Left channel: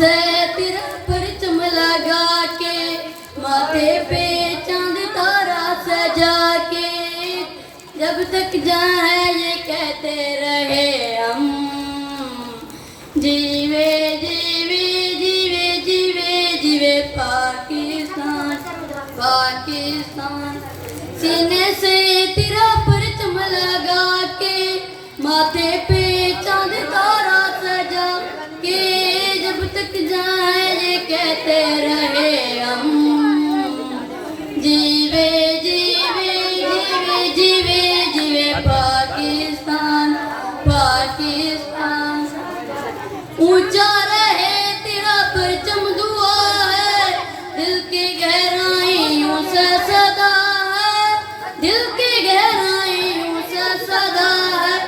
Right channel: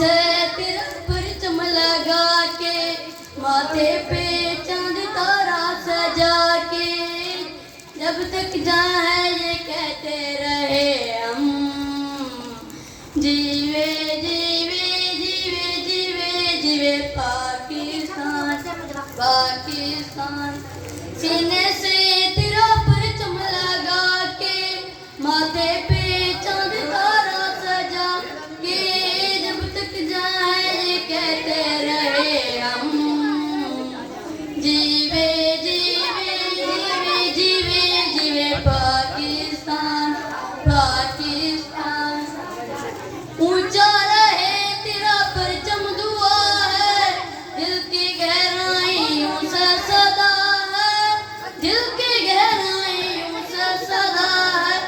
से तेरा परचम लगा के, माथे पे चांद तारा सजा के, जब तक जाए ये कहते रहे हम, जीवे जीवे जीवे जीवे जीवे पाकिस्तान पाकिस्तान। सीने से तेरा परचम लगा के, माथे पे चांद तारा सजा के, जब तक जाए ये कहते रहे हम, जीवे जीवे जीवे जीवे जीवे पाकिस्तान पाकिस्तान। ऊंचा रहे तेरा परचम दुआ है, दिल की गहराइयों से सदा है, दिल की गहराइयों से सदा है।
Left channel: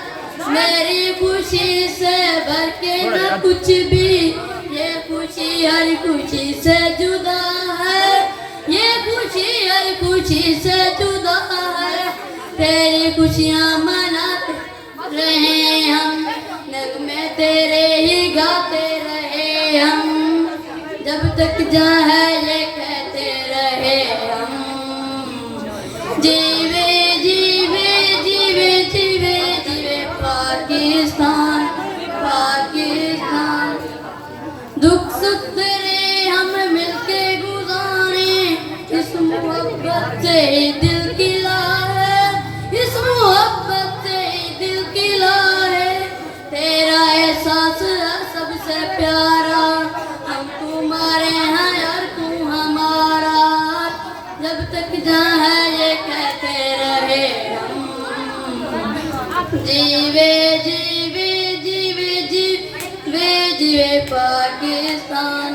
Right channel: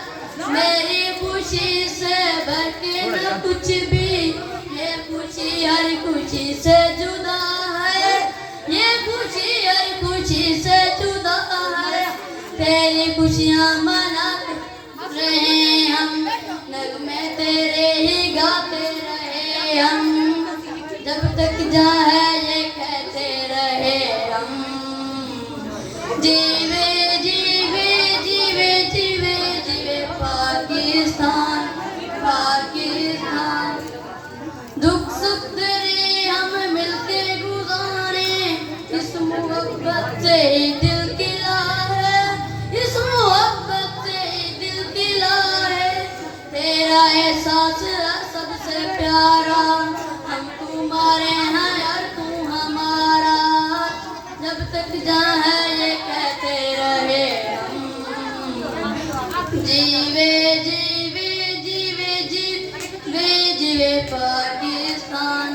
मेरी खुशी से भर के न कुछ भी, ये खुशी हर खुशी से जुदा है, ये खुशी हर खुशी से जुदा है। तेरी खुशियाँ मनाते रहे हम, नगमे तेरे ही गाते रहे हम, जब तक जाए ये कहते रहे हम, जीवे जीवे जीवे जीवे जीवे पाकिस्तान पाकिस्तान। दुख सुख तेरे हम मिलके गुजारे, इस मोहब्बत से दिल की लाए, इस मोहब्बत से दिल की लाए। तेरा एहसास सबसे प्यारा, हम तुम्हारे हैं और तू हमारा, जब तक जाए ये कहते रहे हम, जीवे जीवे जीवे जीवे जीवे पाकिस्तान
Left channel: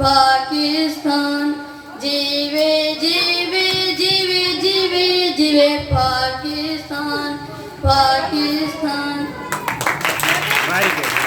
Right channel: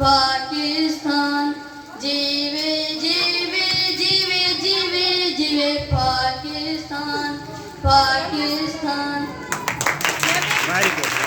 पाकिस्तान। जीवे जीवे जीवे जीवे जीवे पाकिस्तान पाकिस्तान। Very good.